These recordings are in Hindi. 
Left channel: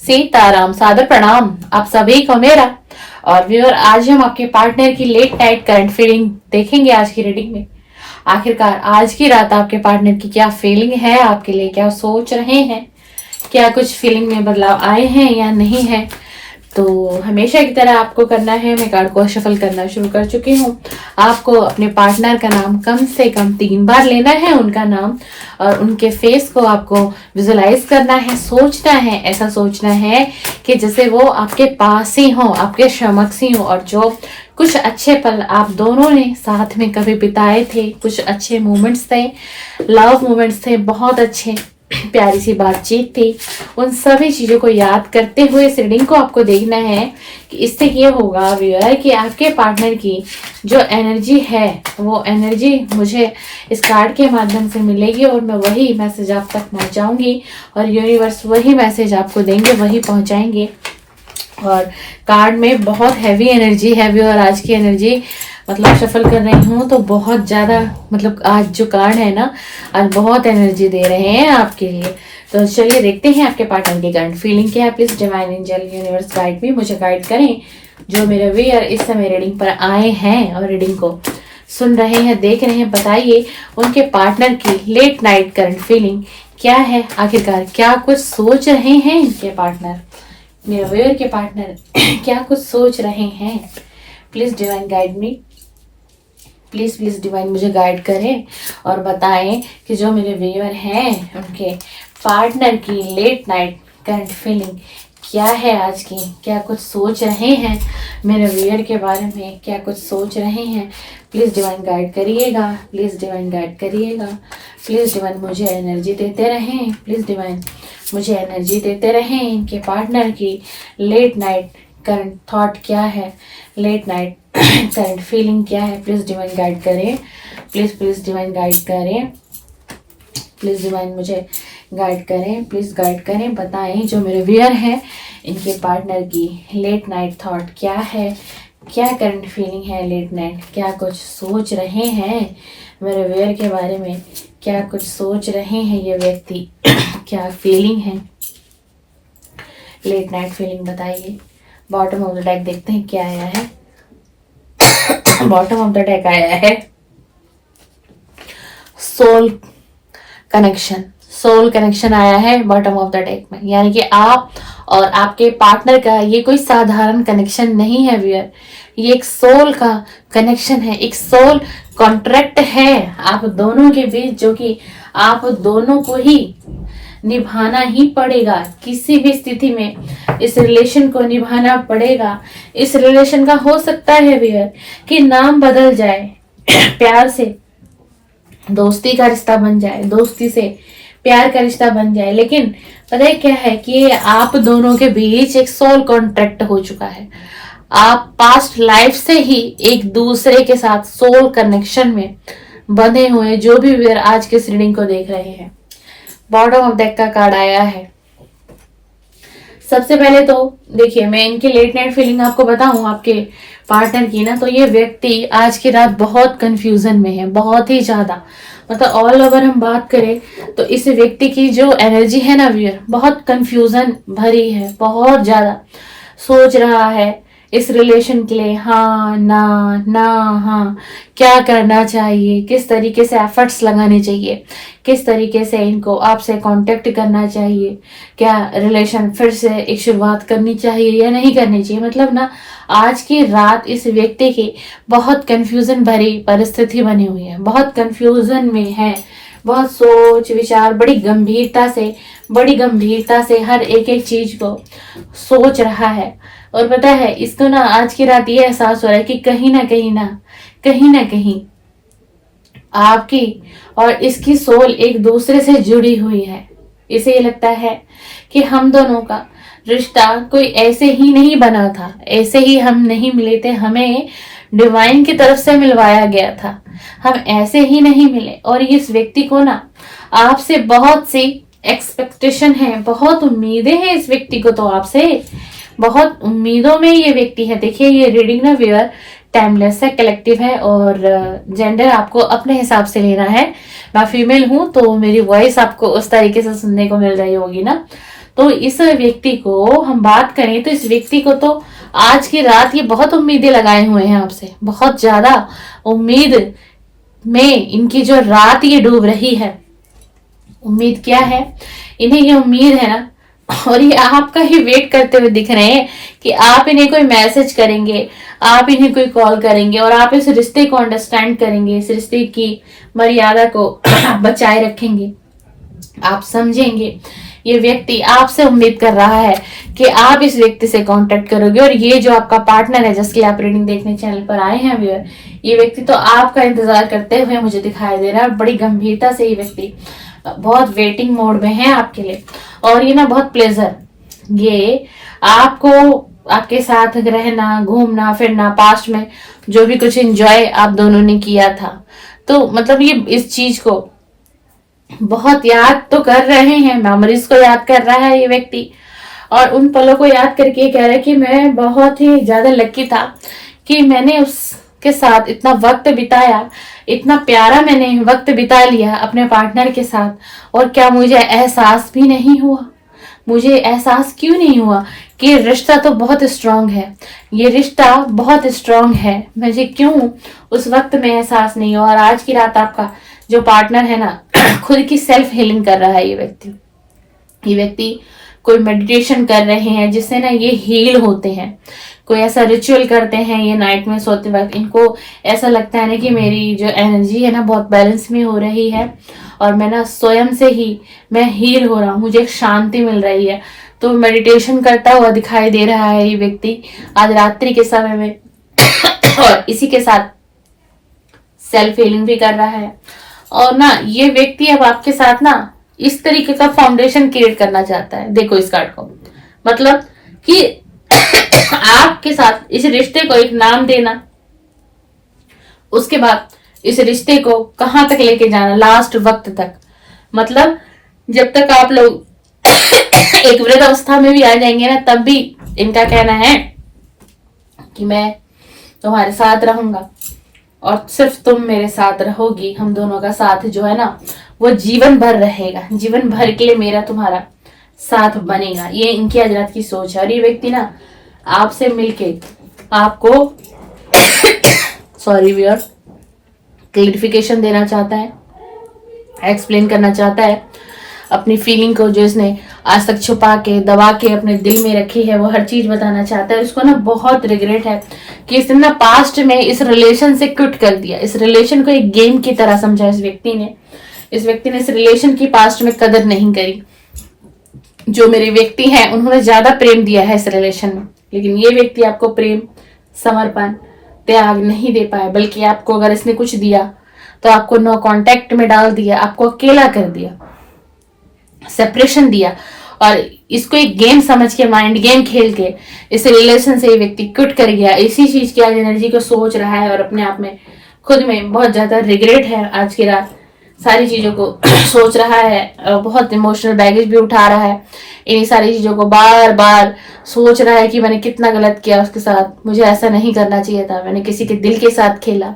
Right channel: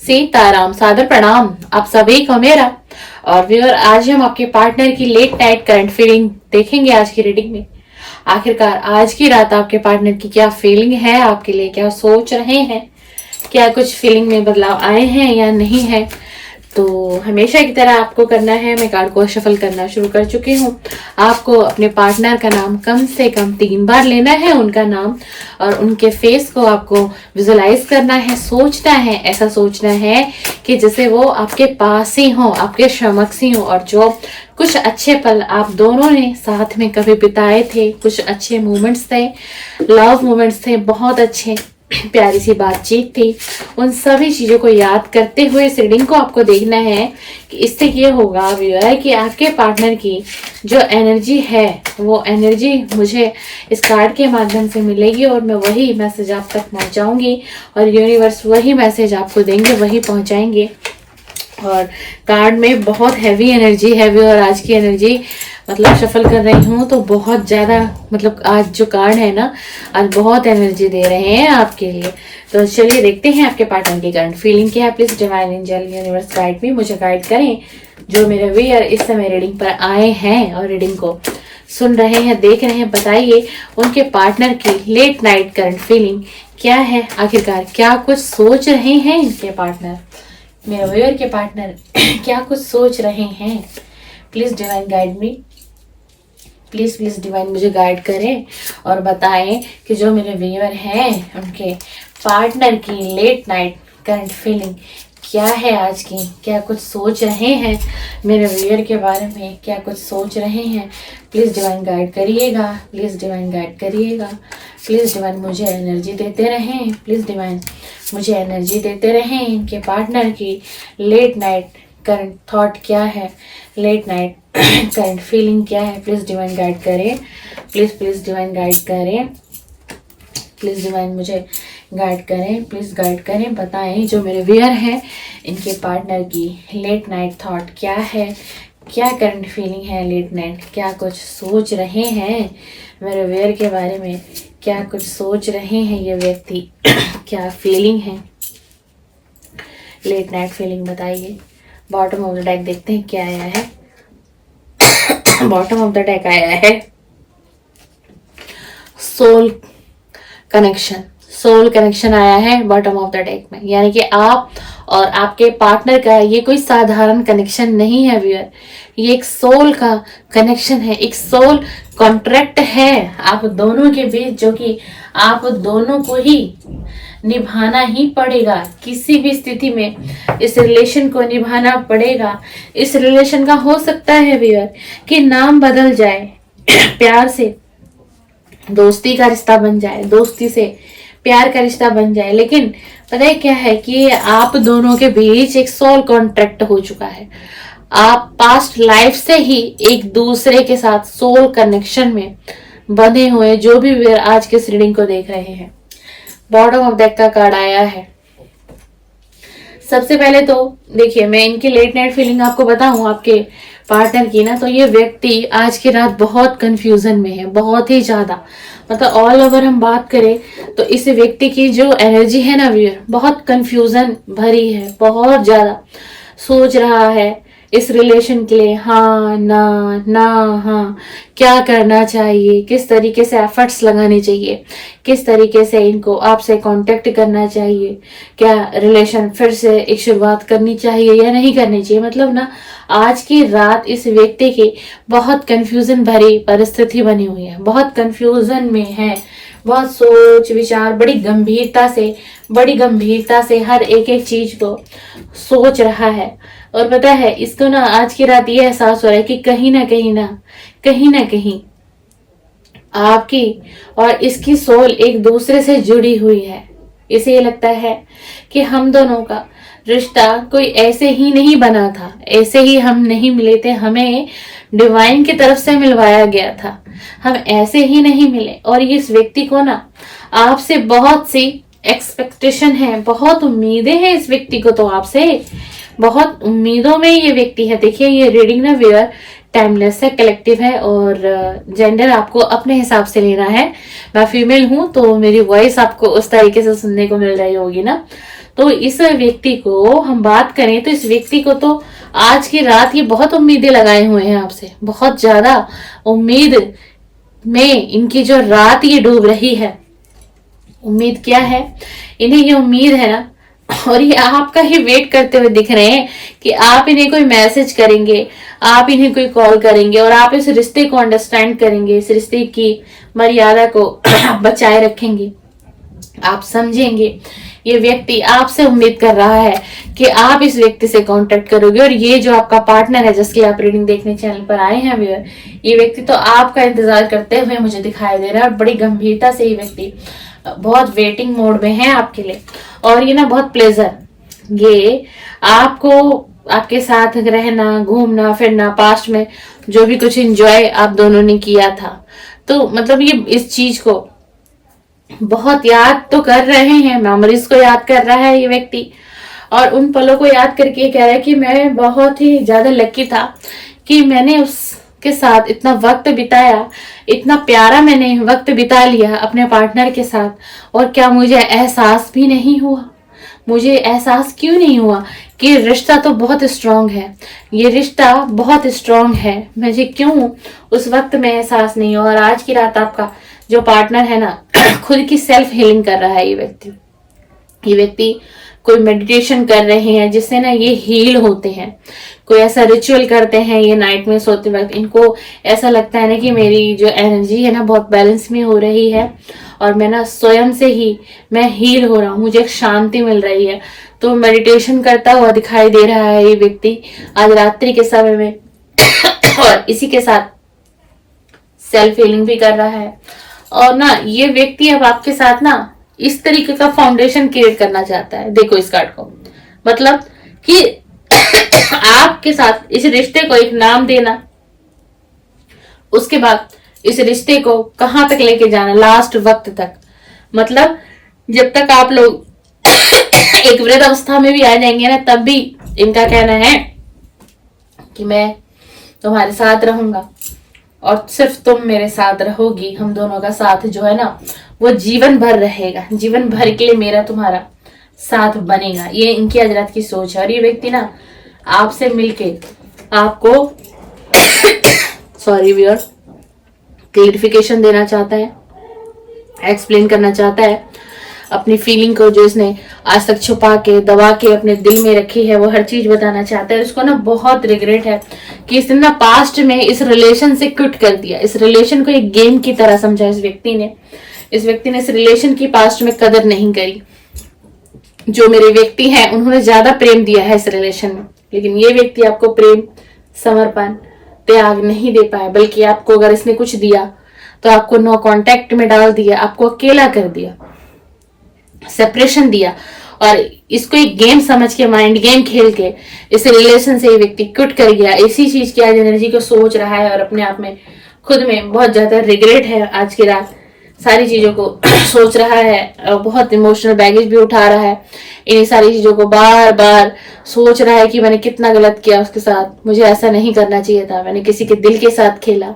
सीताराम, सादर प्रणाम आप सभी को मेरा। और व्यूअर, आज हम आपके पार्टनर की लेट नाइट करंट फीलिंग देखेंगे आज की रीडिंग में। आखिरकार आज की रात आपके पार्टनर की क्या फीलिंग है आपके लिए, क्या सोच रहे हैं, क्या कुछ फीलिंग में बदलाव आए हैं या नहीं है। तो हमेशा की तरह आपको करना है, मैं कार्ड को शफल करना शुरू कर चुकी हूँ। आपको अपने पार्टनर का नाम कम से कम 3 बार लेना है, उनका नाम और उनके फेस को आपको विजुलाइज करना है, सोचना है, ऐसा सोचना है कि जैसे वो आपके पास ही हो, आपके समक्ष ही हो, और जो कुछ अच्छे पल आप दोनों ने साथ में कभी बिताए थे, कुछ अच्छे मोमेंट्स थे, लव मोमेंट्स थे, बहुत अच्छे प्यारी सी बातचीत थी, उन सभी चीजों को याद करते हुए इस रीडिंग को आपको देखना है कि इससे ये होगा व्यूअर कि आपके पार्टनर की जो एनर्जी है वो एनर्जी मुझे इस कार्ड के माध्यम से मिलेगी और मैं वही मैसेज आप तक पहुंचाऊंगी और यूनिवर्स वही मैसेज आपको देंगे, वही पहुंचाएंगे। और कार्ड में बहुत हैवी एनर्जी है व्यूअर, आज की एनर्जी मतलब शफल कर रही हूँ तो बहुत ज्यादा, मतलब आज जो कार्ड है ना, आज बहुत एनर्जी दे रहे हैं आपके लिए। तो चलिए देखते हैं आपके पार्टनर की करंट फीलिंग क्या है। Please divine angel universe guide भी, मुझे गाइड करें। जो मेरे व्यूअर इस समय रीडिंग पर आए हैं और रीडिंग को सुन रहे हैं, देख रहे हैं, बताइए उनके पार्टनर की लेट नाइट करंट फीलिंग क्या है। आखिरकार क्या कुछ सोच रहे हैं इनके पार्टनर, मेरे व्यूअर के पार्टनर क्या कुछ सोच रहे हैं। Please divine guide me, please divine मुझे गाइड करें और बताएं कि जो मेरे व्यूअर हैं उनके पार्टनर की लेट नाइट करंट फीलिंग क्या है आज की, क्या कुछ सोच रहे हैं मेरे व्यूअर के बारे में, क्या कुछ सोच रहे हैं। प्लीज डिवाइन गाइड करिएगा, प्लीज डिवाइन गाइड करिएगा, प्लीज डिवाइन मुझे एनर्जी देते रहें, प्लीज डिवाइन मुझे एनर्जी देते रहें। इनके पार्टनर की लेट नाइट करंट थॉट क्या है, लेट नाइट करंट फीलिंग क्या है। प्लीज डिवाइन गाइड करें, प्लीज डिवाइन गाइड करें, प्लीज डिवाइन मुझे गाइड करें, प्लीज गाइड करें। बताएं जो मेरे व्यूअर हैं इनके पार्टनर की लेट नाइट थॉट क्या है, क्या करंट फीलिंग है लेट नाइट, क्या कुछ सोच रहे हैं मेरे व्यूअर के बारे में, क्या कुछ सोच रहे हैं ये व्यक्ति क्या फीलिंग है, लेट नाइट फीलिंग बताइए। बॉटम ऑफ द डेक देखते हैं क्या आया है। बॉटम ऑफ द डेक आया है सोल कनेक्शन, सोल कनेक्शन आया है बॉटम ऑफ द डेक में। यानी कि आप और आपके पार्टनर का ये कोई साधारण कनेक्शन नहीं है व्यूअर, ये एक सोल का कनेक्शन है, एक सोल कॉन्ट्रैक्ट है आप दोनों के बीच, जो कि आप दोनों को ही निभाना ही पड़ेगा। किसी भी स्थिति में इस रिलेशन को निभाना पड़ेगा। इस रिलेशन का हो सकता है व्यूअर कि नाम बदल जाए, प्यार से दोस्ती का रिश्ता बन जाए, दोस्ती से प्यार का रिश्ता बन जाए, लेकिन पता है क्या है कि आप दोनों के बीच एक सोल कॉन्ट्रैक्ट हो चुका है। आप पास्ट लाइफ से ही एक दूसरे के साथ सोल कनेक्शन में बंधे हुए, जो भी व्यूअर आज के रीडिंग को देख रहे हैं। बॉटम ऑफ डेक का कार्ड आया है। सबसे पहले तो देखिए, मैं इनकी लेट नाइट फीलिंग आपको बताऊं आपके पार्टनर की ना, तो ये व्यक्ति आज की रात बहुत कंफ्यूजन में है, बहुत ही ज्यादा। मतलब ऑल ओवर हम बात करें तो इस व्यक्ति की जो एनर्जी है ना व्यूअर, बहुत कंफ्यूजन भरी है, बहुत ज्यादा सोच रहा है इस रिलेशन के लिए, हाँ ना ना हाँ, क्या करना चाहिए, किस तरीके से एफर्ट्स लगाने चाहिए, किस तरीके से इनको आपसे कांटेक्ट करना चाहिए, क्या रिलेशन फिर से एक शुरुआत करनी चाहिए या नहीं करनी चाहिए। मतलब ना आज की रात इस व्यक्ति की बहुत कंफ्यूजन भरी परिस्थिति बनी हुई है, बहुत कंफ्यूजन में है, बहुत सोच विचार, बड़ी गंभीरता से हर एक एक चीज को सोच रहा है। और पता है इसको ना आज की रात ये एहसास हो रहा है कि कहीं ना कहीं आपकी और इसकी सोल एक दूसरे से जुड़ी हुई है। इसे ये लगता है कि हम दोनों का रिश्ता कोई ऐसे ही नहीं बना था, ऐसे ही हम नहीं मिले थे, हमें डिवाइन की तरफ से मिलवाया गया था, हम ऐसे ही नहीं मिले। और इस व्यक्ति को ना आपसे बहुत सी एक्सपेक्टेशन है, बहुत उम्मीदें हैं इस व्यक्ति को, तो आपसे बहुत उम्मीदों में ये व्यक्ति है। देखिए ये रीडिंग ना व्यूअर टाइमलेस है, कलेक्टिव है और जेंडर आपको अपने हिसाब से लेना है। मैं फीमेल हूं तो मेरी वॉइस आपको उस तरीके से सुनने को मिल रही होगी ना, तो इस व्यक्ति को हम बात करें तो इस व्यक्ति को तो आज की रात ये बहुत उम्मीदें लगाए हुए हैं आपसे, बहुत ज्यादा उम्मीद में इनकी जो रात ये डूब रही है। उम्मीद क्या है इन्हें, ये उम्मीद है ना, और ये आपका ही वेट करते हुए दिख रहे हैं कि आप इन्हें कोई मैसेज करेंगे, आप इन्हें कोई कॉल करेंगे और आप इस रिश्ते को अंडरस्टैंड करेंगे, इस रिश्ते की मर्यादा को बचाए रखेंगे, आप समझेंगे। ये व्यक्ति आपसे उम्मीद कर रहा है कि आप इस व्यक्ति से कांटेक्ट करोगे, और ये जो आपका पार्टनर है जिसकी आप रीडिंग देखने चैनल पर आए हैं व्यूअर, ये व्यक्ति तो आपका इंतजार करते हुए मुझे दिखाई दे रहा है। बड़ी गंभीरता से ये व्यक्ति बहुत वेटिंग मोड में है आपके लिए, और ये ना बहुत प्लेजर, ये आपको आपके साथ रहना, घूमना फिरना, पास्ट में जो भी कुछ एंजॉय आप दोनों ने किया था, तो मतलब ये इस चीज को बहुत याद तो कर रहे हैं, मेमोरीज को याद कर रहा है ये व्यक्ति, और उन पलों को याद करके ये कह रहा है कि मैं बहुत ही ज्यादा लकी था कि मैंने उसके साथ इतना वक्त बिताया, इतना प्यारा मैंने वक्त बिता लिया अपने पार्टनर के साथ, और क्या मुझे एहसास भी नहीं हुआ, मुझे एहसास क्यों नहीं हुआ कि रिश्ता तो बहुत स्ट्रांग है, ये रिश्ता बहुत स्ट्रांग है, मुझे क्यों उस वक्त में एहसास नहीं हुआ। और आज की रात आपका जो पार्टनर है ना खुद की सेल्फ हीलिंग कर रहा है ये व्यक्ति कोई मेडिटेशन कर रहे हैं जिससे ना ये हील होते हैं, कोई ऐसा रिचुअल करते हैं ये नाइट में सोते वक्त, इनको ऐसा लगता है ना कि मेरी जो एनर्जी है ना बहुत बैलेंस में हो रही है, और मैं ना स्वयं से ही मैं हील हो रहा हूँ, मुझे एक शांति मिल रही है। तो मेडिटेशन करता हुआ दिखाई दे रहा है ये व्यक्ति आज रात्रि के समय में और इसी के साथ सेल्फ हीलिंग भी कर रहा है। और ना ये व्यक्ति अब आपके साथ ना इस तरीके का फाउंडेशन क्रिएट करना चाहता है। देखो इस कार्ड को, मतलब कि आपके साथ इस रिश्ते को एक नाम देना, उसके बाद इस रिश्ते को कहां तक लेके जाना, लास्ट वक्त तक, मतलब जब तक आप लोग एक वृद्ध अवस्था में भी आ जाएंगे ना, तब भी इनका कहना है कि मैं तुम्हारे साथ रहूंगा और सिर्फ तुम मेरे साथ रहोगी। हम दोनों का साथ जो है ना वो जीवन भर रहेगा, जीवन भर के लिए मेरा तुम्हारा साथ बनेगा। ये इनकी आज रात की सोच है। और ये व्यक्ति ना आपसे मिलके आपको सॉरी व्यूअर क्लैरिफिकेशन देना चाहता है, एक्सप्लेन करना चाहता है अपनी फीलिंग को, जो इसने आज तक छुपा के दबा के अपने दिल में रखी है, वो हर चीज बताना चाहता है। उसको ना बहुत रिग्रेट है कि इसने ना पास्ट में इस रिलेशन से क्विट कर दिया, इस रिलेशन को एक गेम की तरह समझा इस व्यक्ति ने इस रिलेशन की पास्ट में कदर नहीं करी। जो मेरे व्यक्ति हैं उन्होंने ज्यादा प्रेम दिया है इस रिलेशन में, लेकिन ये व्यक्ति आपको प्रेम, समर्पण, त्याग नहीं दे पाए, बल्कि आपको अगर इसने कुछ दिया तो आपको नो कांटेक्ट में डाल दिया, आपको अकेला कर दिया, सेपरेशन दिया, और इसको एक गेम समझ के, माइंड गेम खेल के इस रिलेशन से ये व्यक्ति क्विट कर गया। इसी चीज की आज एनर्जी को सोच रहा है और अपने आप में खुद में बहुत ज्यादा रिग्रेट है। आज की रात सारी चीजों को सोच रहा है और बहुत इमोशनल बैगेज भी उठा रहा है। इन सारी चीजों को बार बार सोच रहा है कि मैंने कितना गलत किया उसके साथ, मुझे ऐसा नहीं करना चाहिए था, मैंने किसी के दिल के साथ खेला,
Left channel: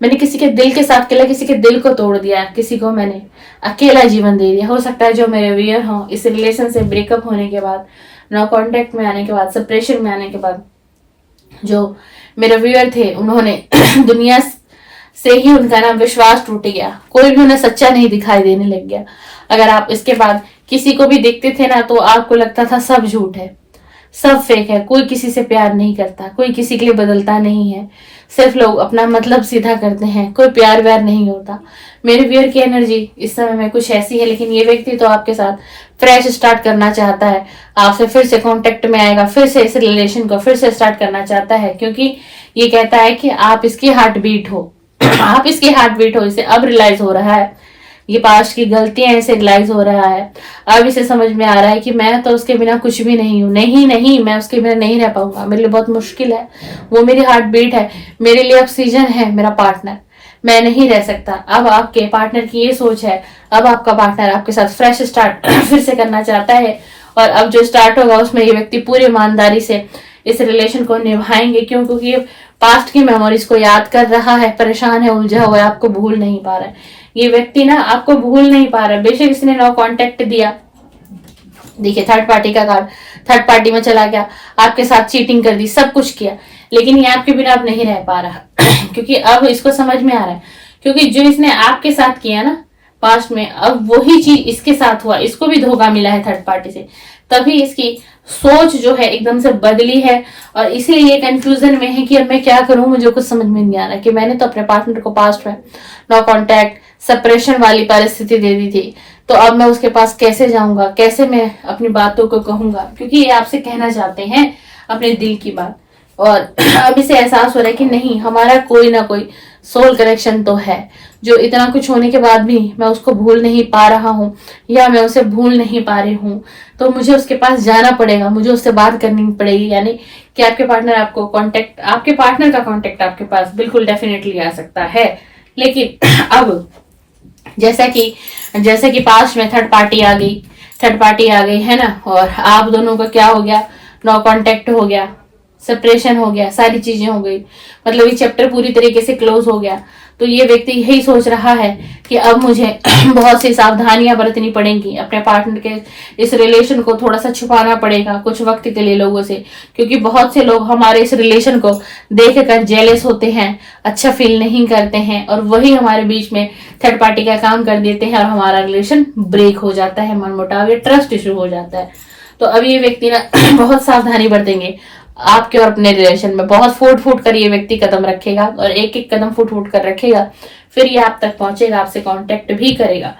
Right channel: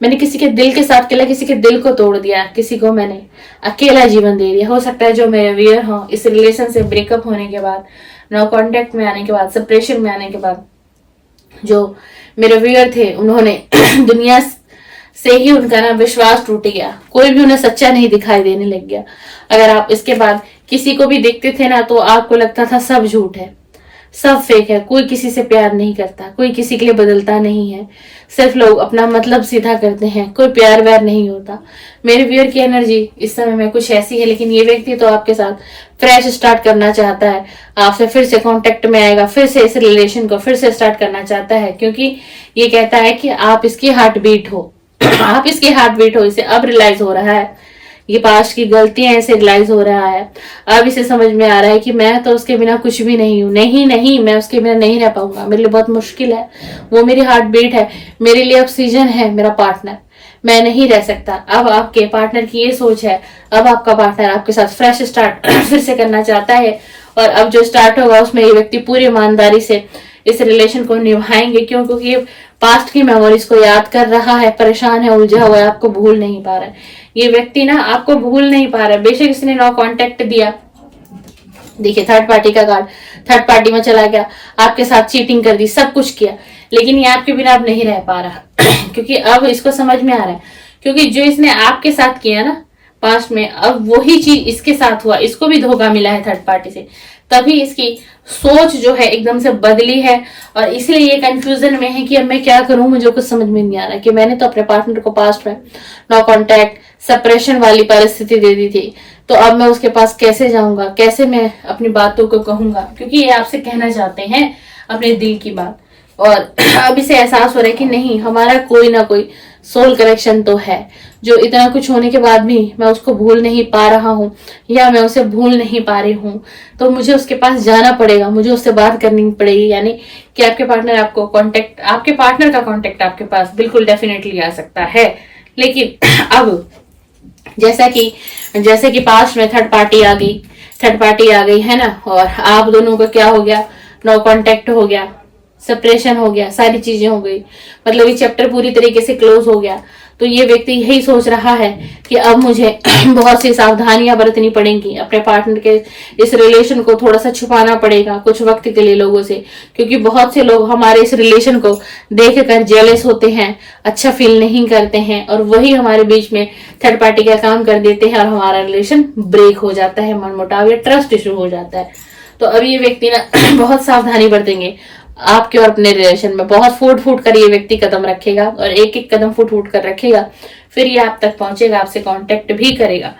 मैंने किसी के दिल के साथ खेला, किसी के दिल को तोड़ दिया, किसी को मैंने अकेला जीवन दे दिया। हो सकता है जो मेरे व्यूअर हो इस रिलेशन से ब्रेकअप होने के बाद, नो कांटेक्ट में आने के बाद, सेपरेशन में आने के बाद जो मेरे व्यूअर थे उन्होंने दुनिया से ही उनका ना विश्वास टूट गया, कोई भी उन्हें सच्चा नहीं दिखाई देने लग गया। अगर आप इसके बाद किसी को भी देखते थे ना तो आपको लगता था सब झूठ है, सब फेक है, कोई किसी से प्यार नहीं करता, कोई किसी के लिए बदलता नहीं है, सिर्फ लोग अपना मतलब सीधा करते हैं, कोई प्यार व्यार नहीं होता। मेरे व्यूअर की एनर्जी इस समय में कुछ ऐसी है, लेकिन ये व्यक्ति तो आपके साथ फ्रेश स्टार्ट करना चाहता है, आपसे फिर से कांटेक्ट में आएगा, फिर से इस रिलेशन को फिर से स्टार्ट करना चाहता है, क्योंकि ये कहता है कि आप इसकी हार्ट बीट हो आप इसकी हार्ट बीट हो। इसे अब रियलाइज हो रहा है ये पास्ट की गलतियां, इसे रियलाइज हो रहा है, अब इसे समझ में आ रहा है कि मैं तो उसके बिना कुछ भी नहीं हूँ, नहीं मैं उसके बिना नहीं रह पाऊंगा, मेरे लिए बहुत मुश्किल है, वो मेरी हार्ट बीट है, मेरे लिए ऑक्सीजन है मेरा पार्टनर, मैं नहीं रह सकता। अब आपके पार्टनर की ये सोच है, अब आपका पार्टनर आपके साथ फ्रेश स्टार्ट फिर से करना चाहता है, और अब जो स्टार्ट होगा उसमें ये व्यक्ति पूरी ईमानदारी से इस रिलेशन को निभाएंगे, क्योंकि ये पास्ट की मेमोरीज को याद कर रहा है, परेशान है, उलझा हुआ है, आपको भूल नहीं पा रहा है। ये व्यक्ति ना आपको भूल नहीं पा रहा है, बेशक इसने नो कांटेक्ट दिया, देखिए थर्ड पार्टी का कार्ड, थर्ड पार्टी में चला गया, आपके साथ चीटिंग कर दी, सब कुछ किया, लेकिन ये आपके बिना अब नहीं रह पा रहा क्योंकि अब इसको समझ में आ रहा है, क्योंकि जो इसने आपके साथ किया ना पास्ट में, अब वही चीज इसके साथ हुआ, इसको भी धोखा मिला है थर्ड पार्टी से, तभी इसकी सोच जो है एकदम से बदली है और इसलिए ये कंफ्यूजन में है कि अब मैं क्या करूं, मुझे कुछ समझ में नहीं आ रहा कि मैंने तो अपने पार्टनर को पास्ट में नो कांटेक्ट सेपरेशन वाली परिस्थिति दे दी थी, तो अब मैं उसके पास कैसे जाऊंगा, कैसे मैं अपनी बातों को कहूंगा, क्योंकि ये आपसे कहना चाहते हैं अपने दिल की बात। और अब इसे एहसास हो रहा है कि नहीं, हमारा कोई ना कोई सोल कनेक्शन तो है, जो इतना कुछ होने के बाद भी मैं उसको भूल नहीं पा रहा हूँ या मैं उसे भूल नहीं पा रही हूँ, तो मुझे उसके पास जाना पड़ेगा, मुझे उससे बात करनी पड़ेगी। यानी कि आपके पार्टनर आपको कांटेक्ट, आपके पार्टनर का कांटेक्ट आपके पास बिल्कुल डेफिनेटली आ सकता है, लेकिन अब जैसे कि पास्ट में थर्ड पार्टी आ गई है ना, और आप दोनों का क्या हो गया, नो कांटेक्ट हो गया, सेपरेशन हो गया, सारी चीजें हो गई, मतलब ये चैप्टर पूरी तरीके से क्लोज हो गया। तो ये व्यक्ति यही सोच रहा है कि अब मुझे बहुत सी सावधानियां बरतनी पड़ेंगी, अपने पार्टनर के इस रिलेशन को थोड़ा सा छुपाना पड़ेगा कुछ वक्त के लिए लोगों से, क्योंकि बहुत से लोग हमारे इस रिलेशन को देख कर जेलस होते हैं, अच्छा फील नहीं करते हैं, और वही हमारे बीच में थर्ड पार्टी का काम कर देते हैं और हमारा रिलेशन ब्रेक हो जाता है, मनमुटाव या ट्रस्ट इशू हो जाता है। तो अब ये व्यक्ति ना बहुत सावधानी बरतेंगे आपके और अपने रिलेशन में, बहुत फूट फूट कर ये व्यक्ति कदम रखेगा और एक एक कदम फूट फूट कर रखेगा, फिर ये आप तक पहुंचेगा, आपसे कांटेक्ट भी करेगा।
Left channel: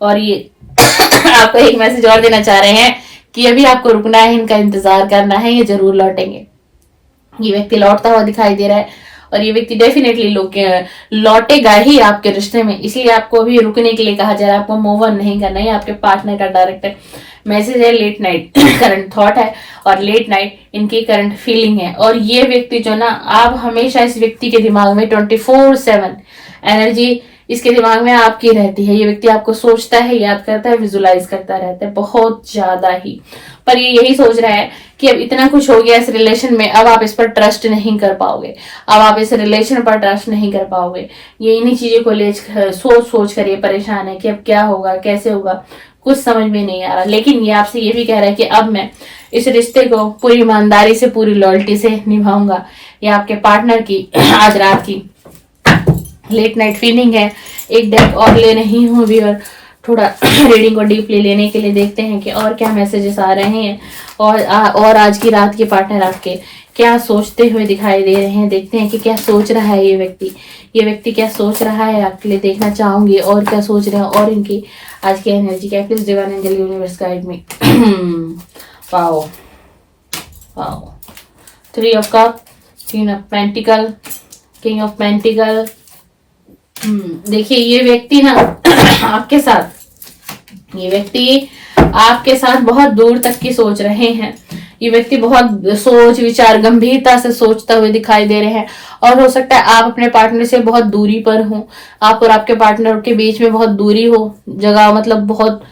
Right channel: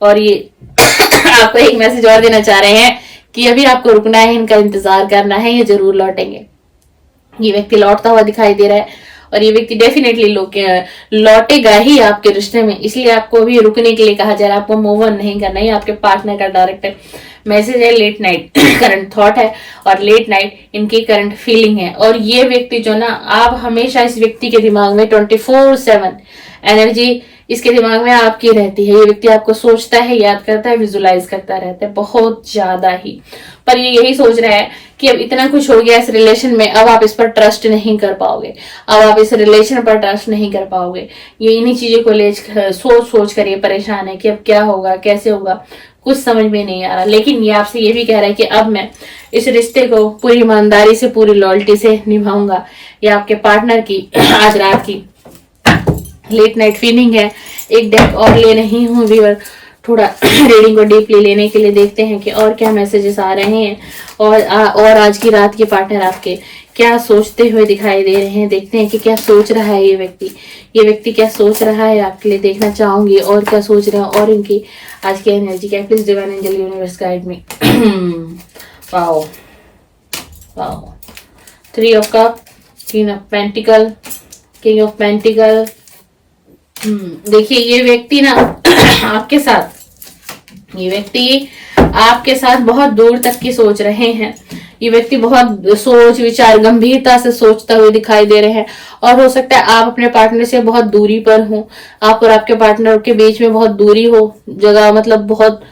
और ये आपको एक मैसेज और देना चाह रहे हैं कि अभी आपको रुकना है, इनका इंतजार करना है, ये जरूर लौटेंगे। ये व्यक्ति लौटता हुआ दिखाई दे रहा है और ये व्यक्ति डेफिनेटली लौटेगा ही आपके रिश्ते में, इसलिए आपको अभी रुकने के लिए कहा जा रहा है, आपको मूव ऑन नहीं करना है। आपके पार्टनर का डायरेक्ट मैसेज है, लेट नाइट करंट थॉट है और लेट नाइट इनकी करंट फीलिंग है। और ये व्यक्ति जो ना, आप हमेशा इस व्यक्ति के दिमाग में 24/7 एनर्जी इसके दिमाग में आपकी रहती है। ये व्यक्ति आपको सोचता है, याद करता है, विजुलाइज करता रहता है बहुत ज्यादा ही, पर ये यही सोच रहा है कि अब इतना कुछ हो गया इस रिलेशन में, अब आप इस पर ट्रस्ट नहीं कर पाओगे, अब आप इस रिलेशन पर ट्रस्ट नहीं कर पाओगे। ये इन्हीं चीजों को ले सोच सोच कर ये परेशान है कि अब क्या होगा, कैसे होगा, कुछ समझ में नहीं आ रहा। लेकिन ये आपसे ये भी कह रहा है कि अब मैं इस रिश्ते को पूरी ईमानदारी से, पूरी लॉयल्टी से निभाऊंगा। ये आपके पार्टनर की आज रात की लेट नाइट फीलिंग है। एक डेक और ले रही हूँ व्यूअर, थोड़ा रीडिंग को डीपली लेने के लिए देखते हैं कि और क्या मैसेजेस आ रहे हैं और आज की रात के पार्टनर आपके क्या सोचते हुए दिखाई दे रहे हैं। देखते हैं कि क्या सोच रहा है ये व्यक्ति क्या सोच रहा है आपके लिए, देखना चाहूंगी और क्या सोच रहा है और इनकी आज की एनर्जी क्या। Please divine angel universe guide में। Wow wow, 3 of cup, queen of pentacle, king of pentacle. देखिए ये व्यक्ति ना ये व्यक्ति आपके साथ बहुत दूर तक की सोच रहे हैं। ये व्यक्ति बहुत सोच विचार गंभीरता से सोचता हुए दिखाई दे रहे हैं और हो सकता है आप अपने पार्टनर से बहुत दूरी पर हो, आप और आपके पार्टनर के बीच में बहुत दूरी हो, जगह मतलब बहुत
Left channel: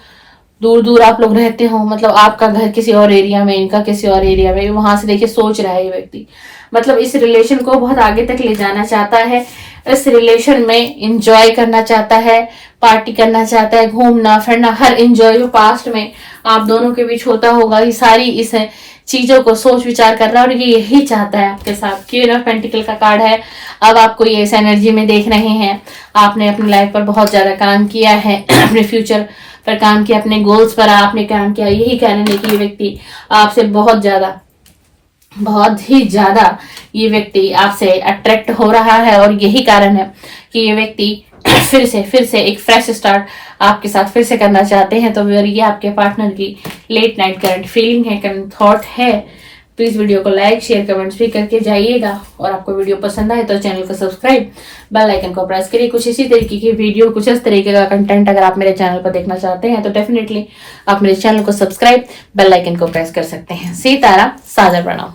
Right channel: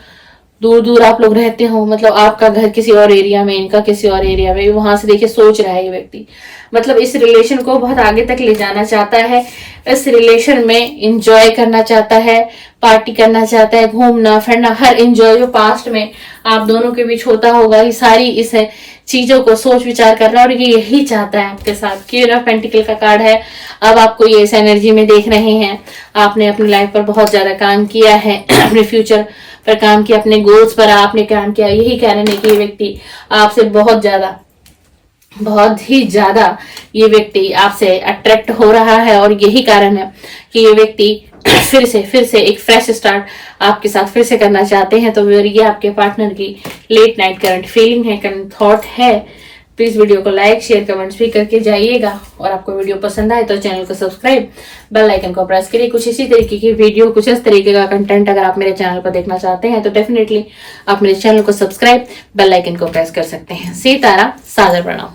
दूर दूर आप लोग रहते हो, मतलब आपका घर किसी और एरिया में, इनका किसी और एरिया में। वहां से देखिए सोच रहा है ये व्यक्ति, मतलब इस रिलेशन को बहुत आगे तक ले जाना चाहता है, इस रिलेशन में इंजॉय करना चाहता है, पार्टी करना चाहता है, घूमना फिरना, हर इंजॉय जो पास्ट में आप दोनों के बीच होता होगा, ये सारी इस चीजों को सोच विचार कर रहा है और ये यही चाहता है आपके साथ। क्वीन ऑफ पेंटिकल का कार्ड है। अब आपको ये इस एनर्जी में देख रहे हैं, आपने अपनी लाइफ पर बहुत ज्यादा काम किया है, अपने फ्यूचर पर काम किया, अपने गोल्स पर आपने काम किया। यही कारण है कि ये व्यक्ति आपसे बहुत ही ज्यादा ये व्यक्ति आपसे अट्रैक्ट हो रहा है और यही कारण है कि ये व्यक्ति फिर से एक फ्रेश स्टार्ट आपके साथ फिर से करना चाहते हैं। तो ये आपके पार्टनर की लेट नाइट करंट फीलिंग है, करंट थॉट है। प्लीज वीडियो को लाइक शेयर कमेंट्स भी करके जाइएगा और आपको वीडियो पसंद आए तो चैनल को सब्सक्राइब, बेल आइकन को प्रेस करिए। कुछ इसी तरीके की वीडियो, कुछ इस तरीके का कंटेंट अगर आप मेरे चैनल पर देखना चाहते हैं तो डेफिनेटली आप मेरे चैनल को सब्सक्राइब, बेल आइकन को प्रेस कर सकते हैं। सीताराम, सादर प्रणाम।